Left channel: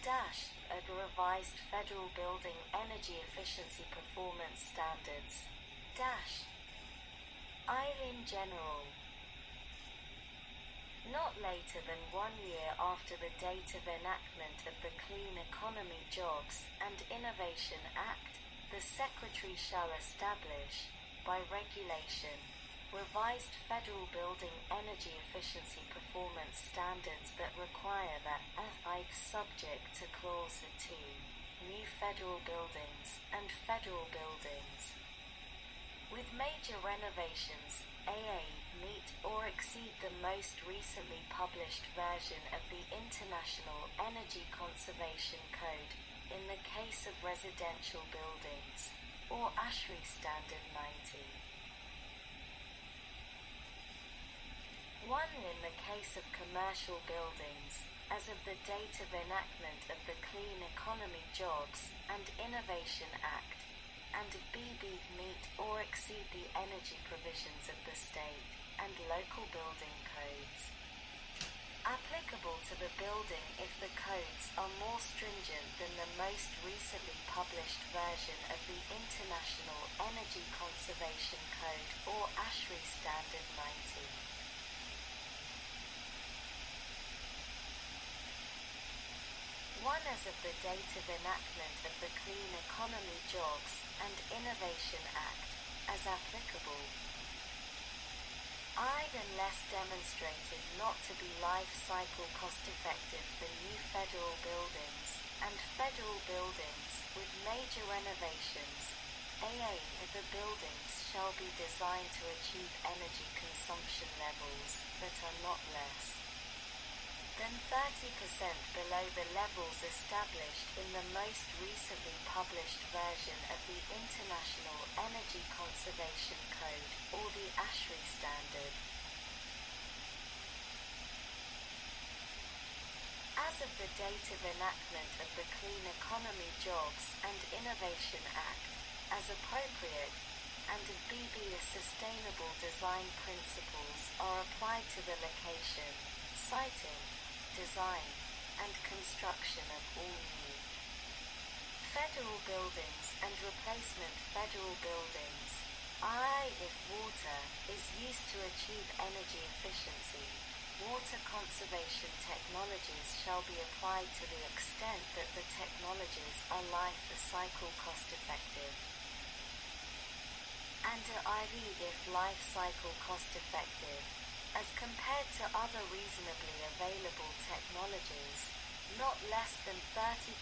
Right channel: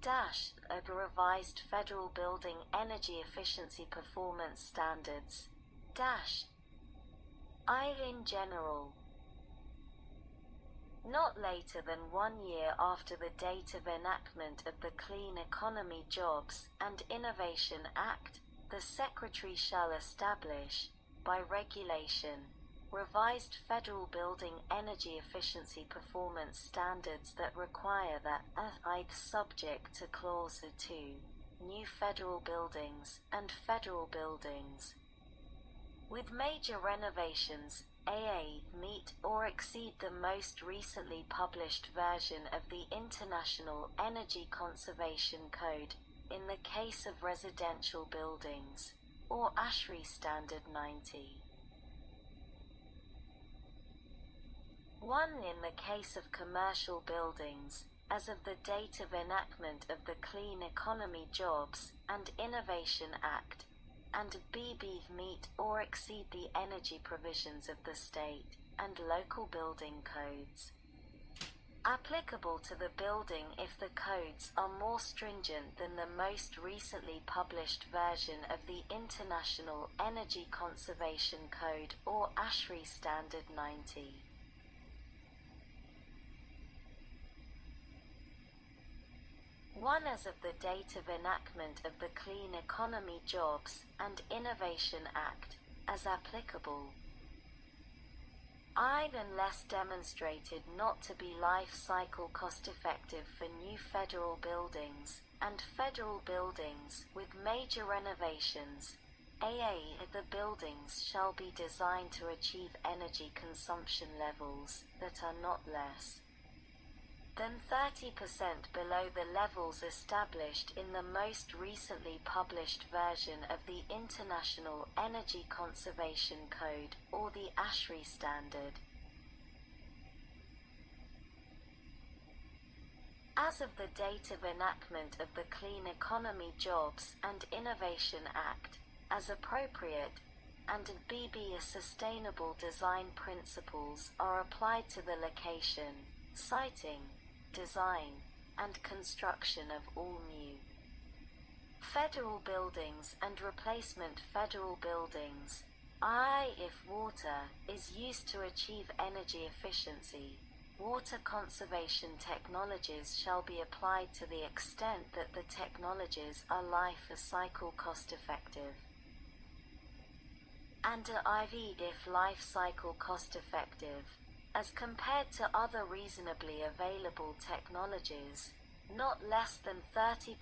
Of revised federal building energy efficiency performance standards. I in general. Not later than 1 year after the date of enactment of the Clean Economy Jobs and Innovation Act, the Secretary shall establish, by regulation, revised federal building energy efficiency performance standards that require that, subject to Clause 2, new federal buildings and federal buildings with major renovations, meet or exceed the most recently published version of the International Energy Conservation Code in the case of residential buildings, or ASHRAE Standard 90. 1. In the case of commercial buildings, as of the date of enactment of the Clean Economy Jobs and Innovation Act, and meet or exceed the energy provisions of the state and local building codes applicable to the building if the codes are more stringent than the most recently published version of the International Energy Conservation Code or ASHRAE Standard 90. 1. As of the date of enactment of the Clean Economy Jobs and Innovation Act, as applicable. Unless demonstrated not to be life cycle cost effective for new federal buildings and federal buildings with major renovations, the buildings shall be designed to achieve energy consumption levels that are not less than 30% below the levels established in the most recently published version of the International Energy Conservation Code, or the ASHRAE Standard. As of the date of enactment of the Clean Economy Jobs and Innovation Act, as appropriate, and sustainable design principles are applied to the location, siting, design, and construction of all new federal buildings and replacement federal buildings. If water is used to achieve energy efficiency, water conservation technologies shall be applied to the extent that the technologies are life cycle cost effective. And if life cycle cost effective, as compared to other reasonably available technologies, not less than 30%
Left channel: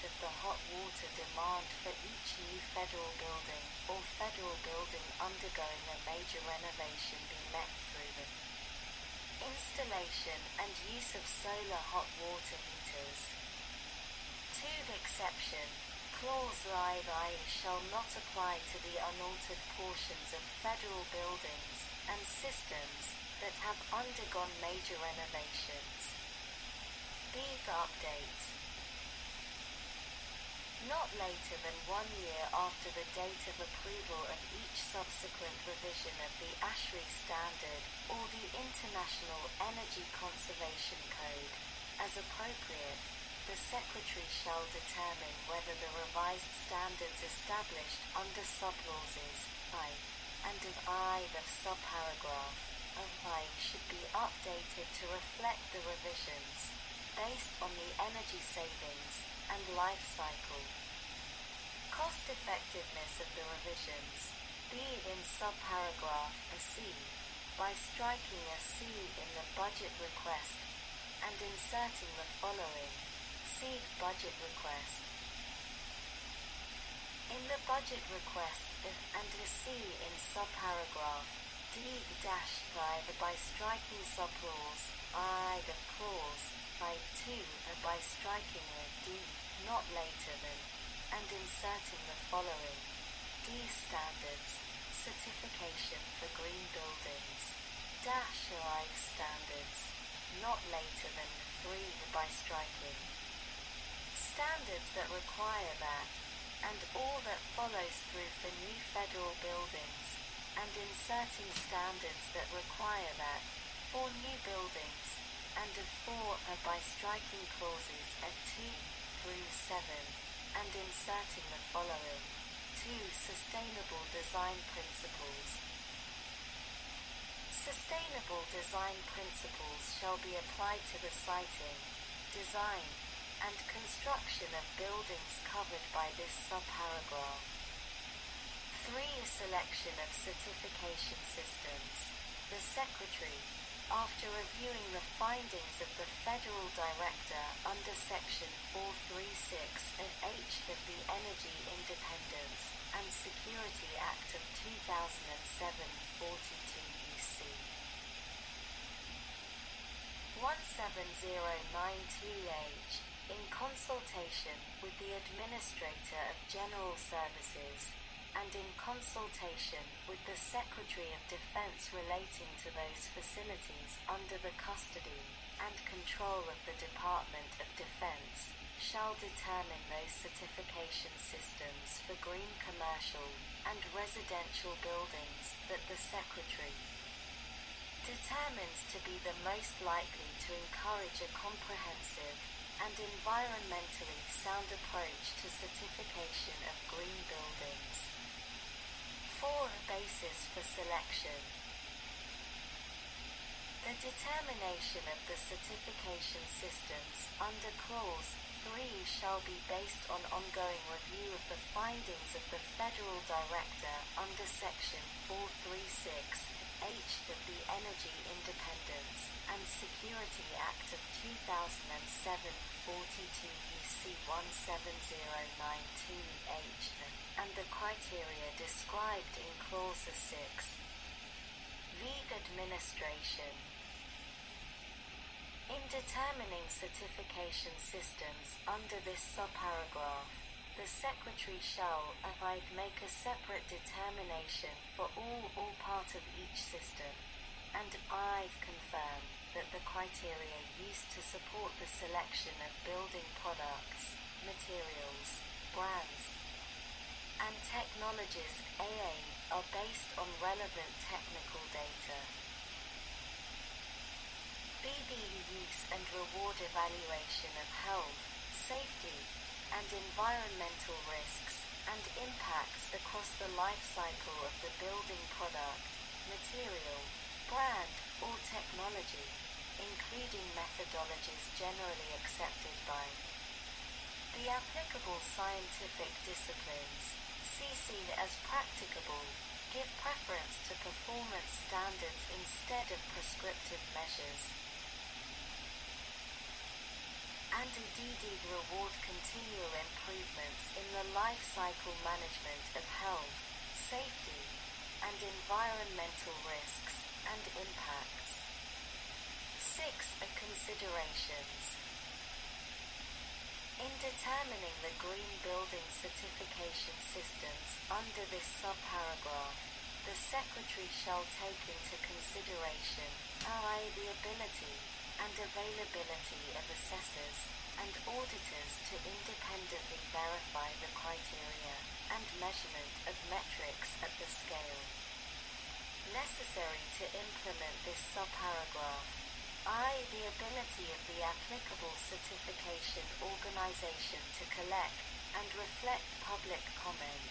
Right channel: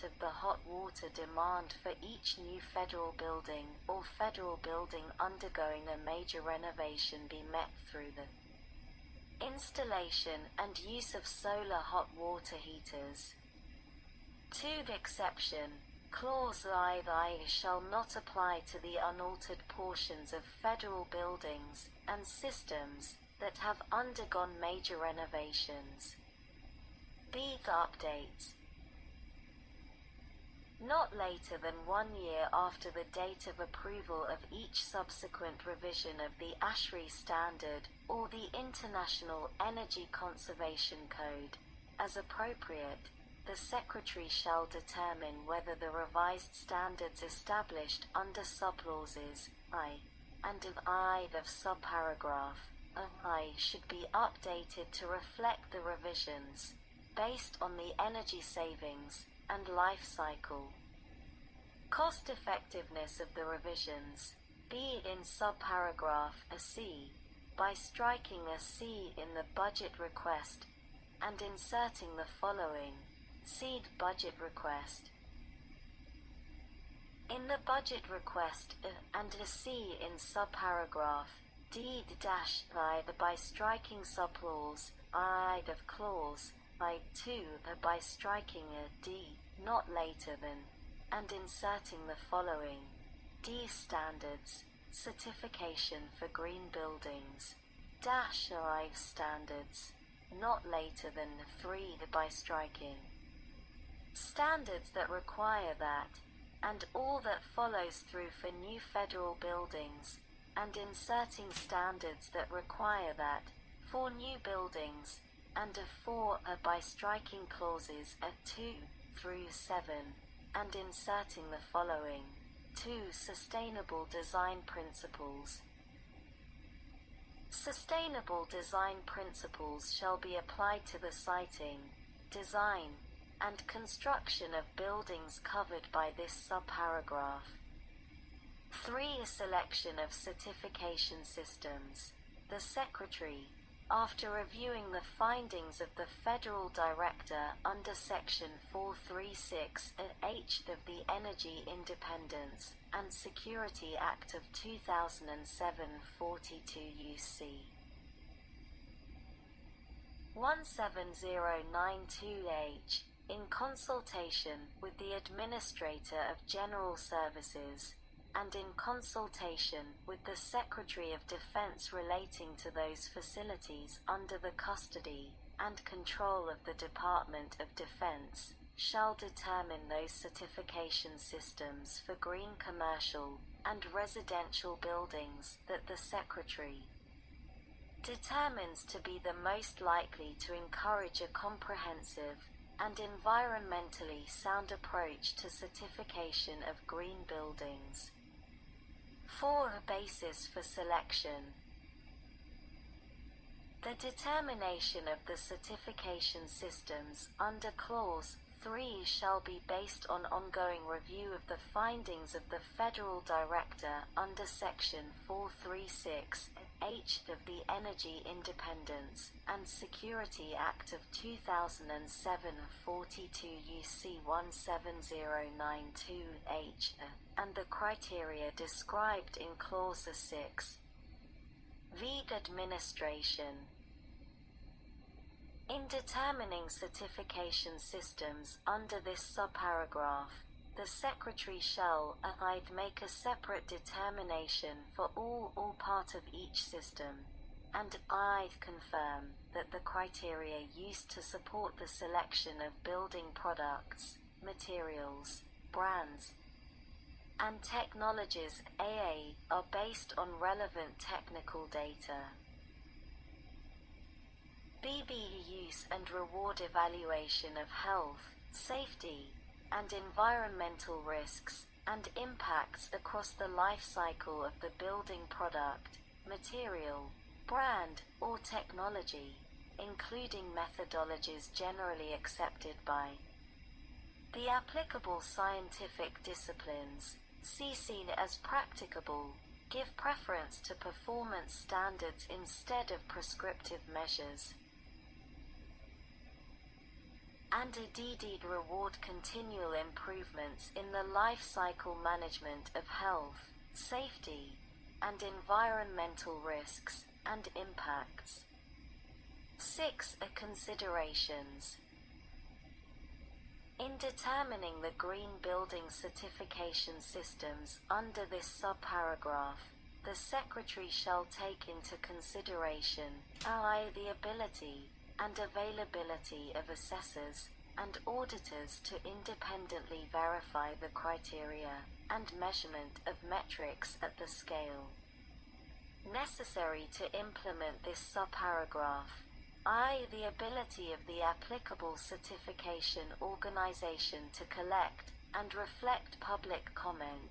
of the hot water demand for each new federal building or federal building undergoing a major renovation be met through the installation and use of solar hot water heaters. 2. Exception. Clause I shall not apply to the unaltered portions of federal buildings and systems that have undergone major renovations. Updates. Not later than 1 year after the date of approval of each subsequent revision of the ASHRAE Standard or the International Energy Conservation Code, as appropriate, the Secretary shall determine whether the revised standards established under subclauses I and of subparagraph should be updated to reflect the revisions, based on the energy savings and life cycle cost effectiveness of the revisions, be it in subparagraph C, by striking a C in the budget request and inserting the following, seed budget request. In the budget request and a C in subparagraph by striking subclause of clause 2 by striking a D, not later than, and inserting the following standards, certification for green buildings, life standards, not later than 3 by striking standards that require that, and all that follows through for new federal buildings, and inserting standards that require that, for new buildings, and 4 by striking clauses 2, through 7, and inserting the following. 2. Sustainable design principles. Sustainable design principles shall be applied to the siting, design, and construction of buildings covered by this subparagraph. 3. A selection of certification systems. The Secretary, after reviewing the findings of the Federal Director under Section 436 and H of the Energy Independence and Security Act of 2007 42 UC 17092H, in consultation with the Administrator of General Services, and in consultation with the Secretary of Defense relating to those facilities under the custody and control of the Department of Defense, shall determine those certification systems for green commercial and residential buildings that the Secretary determines to be the most likely to encourage a comprehensive and environmentally sound approach to certification of green buildings. 4. A basis for selection. The determination of the certification systems under Clause 3 shall be based on ongoing review of the findings of the Federal Director under Section 436 H of the Energy Independence and Security Act of 2007 42 UC 17092H and the criteria described in Clause 6. VED Administration. In determining certification systems under this subparagraph, the Secretary shall either make a separate determination for all or part of each system, and either confirm that the criteria used to support the selection of building products, materials, brands, and technologies are based on relevant technical data. BBE use and reward evaluation of health, safety, and environmental risks and impacts across the life cycle of the building product, material, brand, or technology, including methodologies generally accepted by the applicable scientific disciplines, seen as practicable, give preference to performance standards instead of prescriptive measures, and indeed reward continual improvements in the life cycle management of health, safety, and environmental risks and impacts. 6. Considerations. In determining the green building certification systems under this subparagraph, the Secretary shall take into consideration the ability and availability of assessors and auditors to independently verify the criteria and measurement of metrics at the scale necessary to implement this subparagraph, the ability of the applicable certification organization to collect and reflect public comment,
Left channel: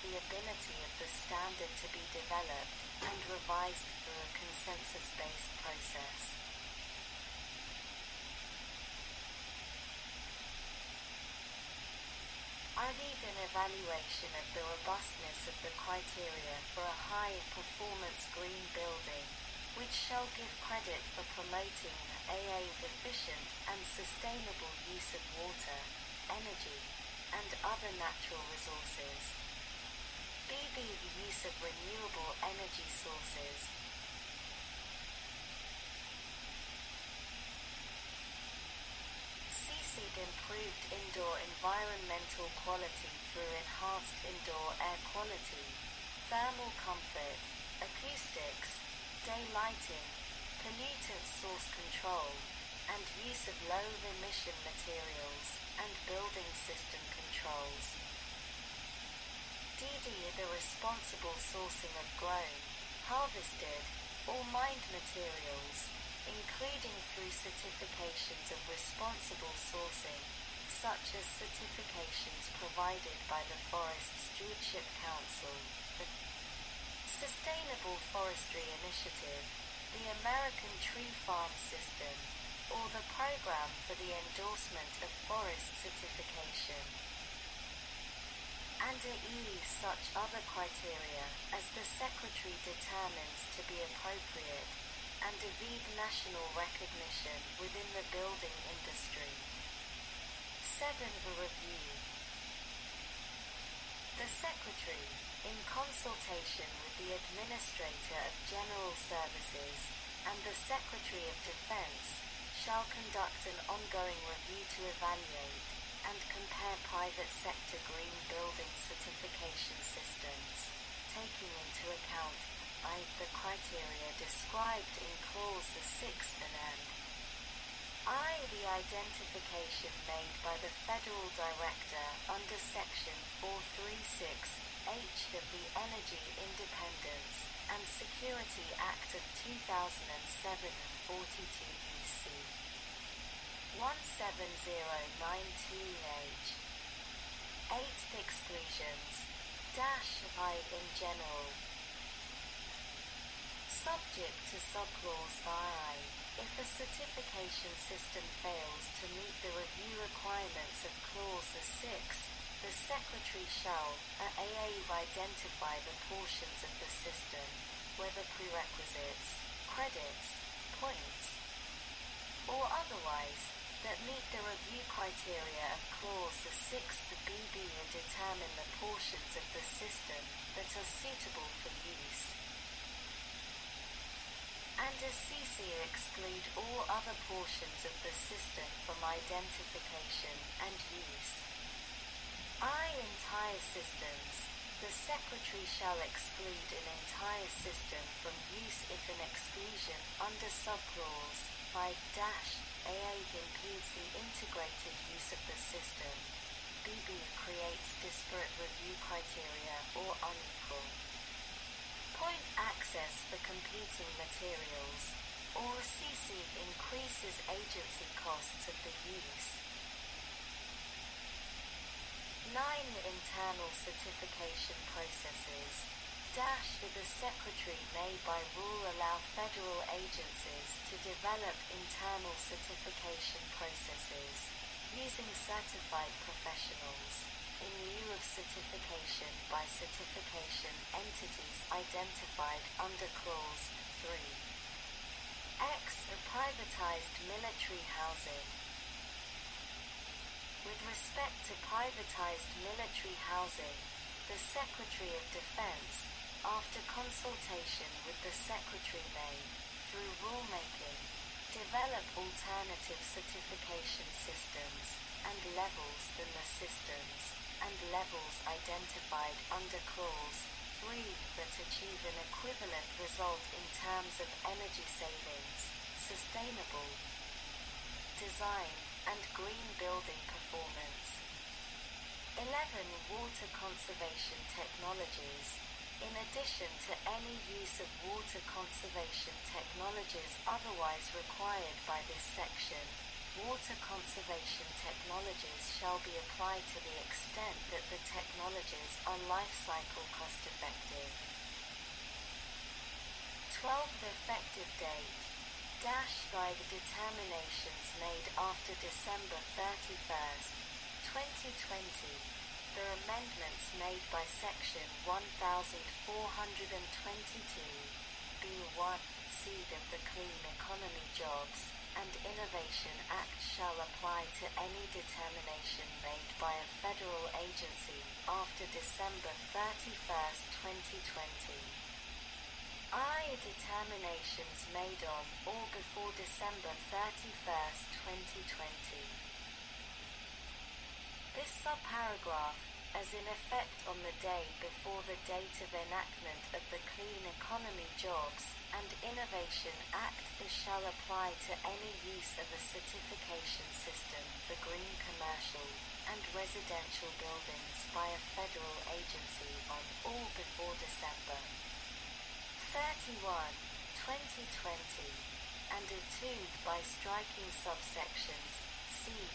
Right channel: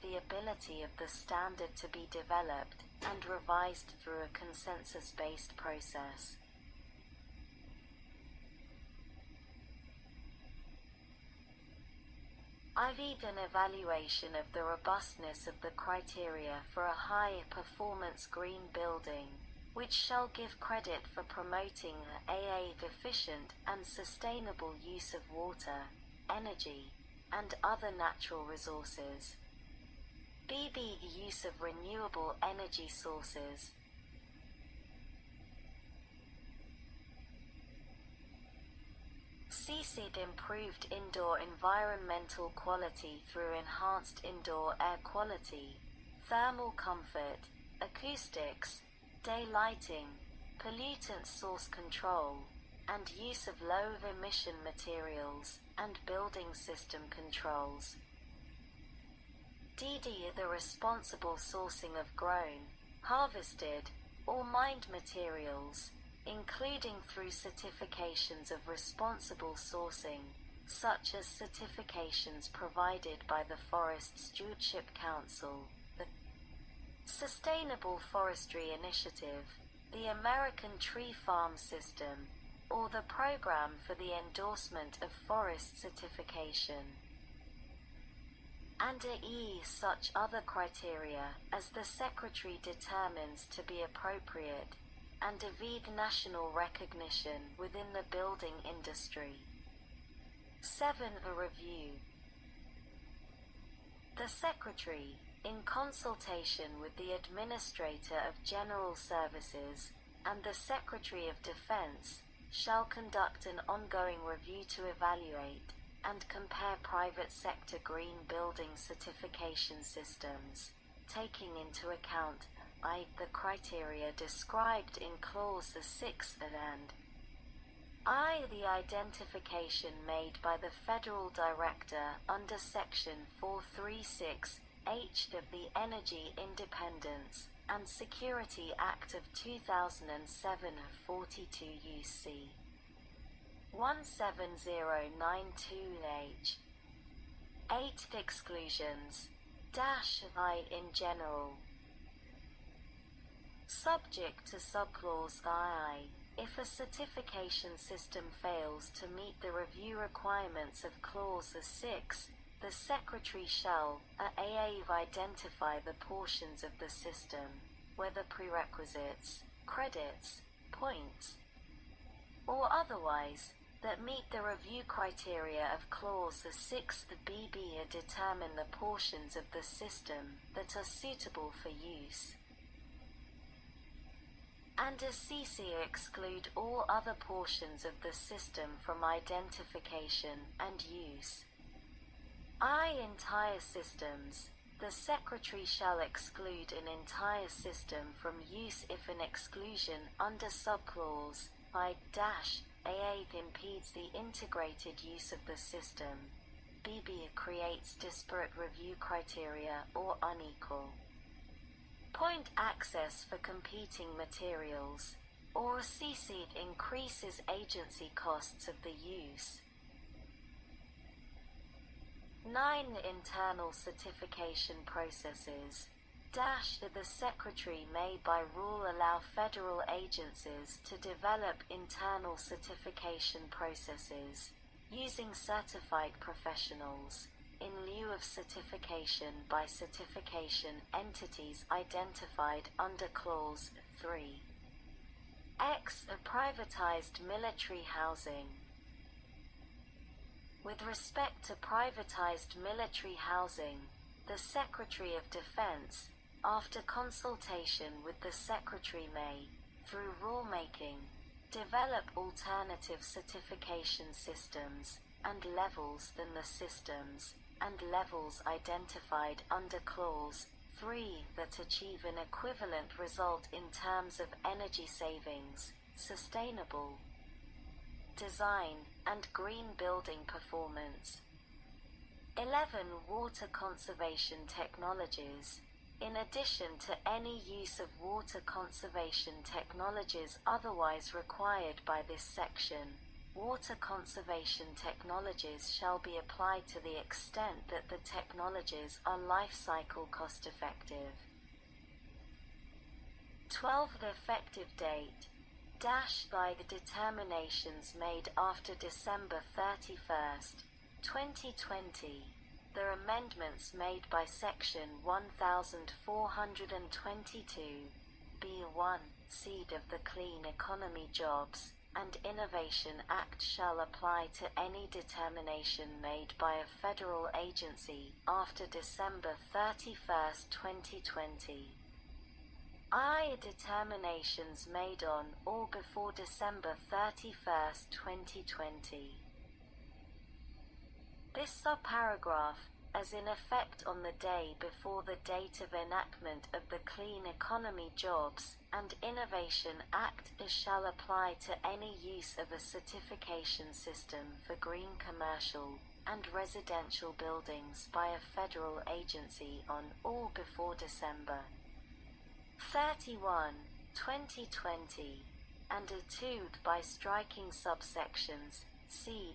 the ability of the standard to be developed and revised through a consensus-based process. An evaluation of the robustness of the criteria for a high-performance green building, which shall give credit for promoting the efficient and sustainable use of water, energy, and other natural resources. The use of renewable energy sources. Improved indoor environmental quality through enhanced indoor air quality, thermal comfort, acoustics, daylighting, pollutant source control, and use of low-emission materials and building system controls. The responsible sourcing of grown, harvested, or mined materials, including through certifications of responsible sourcing, such as certifications provided by the Forest Stewardship Council, the Sustainable Forestry Initiative, the American Tree Farm System, or the Program for the Endorsement of Forest Certification. And such other criteria as the Secretary determines to be appropriate and evade national recognition within the building industry. 7. Review. The Secretary, in consultation with the Administrator of General Services and the Secretary of Defense, shall conduct an ongoing review to evaluate and compare private sector green building certification systems, taking into account the criteria described in clauses 6 and the identification made by the Federal Director under Section 436H of the Energy Independence and Security Act of 2007 42 UC 17092H. 8. Exclusions -I in general. Subject to subclause I. If a certification system fails to meet the review requirements of clause 6, the Secretary shall identify the portions of the system, whether prerequisites, credits, points, or otherwise, that meet the review criteria of clause 6 the BB and determine the portions of the system that are suitable for use. And CC exclude all other portions of the system from identification and use. Entire systems. The Secretary shall exclude an entire system from use if an exclusion under subclause I-A impedes the integrated use of the system. BB creates disparate review criteria or unequal. Point access for competing materials, or CC increases agency costs of the use. 9. Internal certification processes. The Secretary may by rule allow federal agencies to develop internal certification processes, using certified professionals, in lieu of certification by certification entities identified under Clause 3. X. A privatized military housing. With respect to privatized military housing, the Secretary of Defense, after consultation with the Secretary may, through rulemaking, develop alternative certification systems and levels than the systems and levels identified under Clause 3 that achieve an equivalent result in terms of energy savings, sustainable design, and green building performance. 11. Water conservation technologies. In addition to any use of water conservation technologies otherwise required by this section, water conservation technologies shall be applied to the extent that the technologies are life cycle cost effective. 12. The effective date. By the determinations made after December 31st, 2020, the amendments made by Section 1422, B1, Seed of the Clean Economy Jobs and Innovation Act shall apply to any determination made by a federal agency after December 31st, 2020. Determinations made on or before December 31st, 2020. This subparagraph, as in effect on the day before the date of enactment of the Clean Economy Jobs and Innovation Act, shall apply to any use of a certification system for green commercial and residential buildings by a federal agency on or before December 31, 2020, and by striking subsections C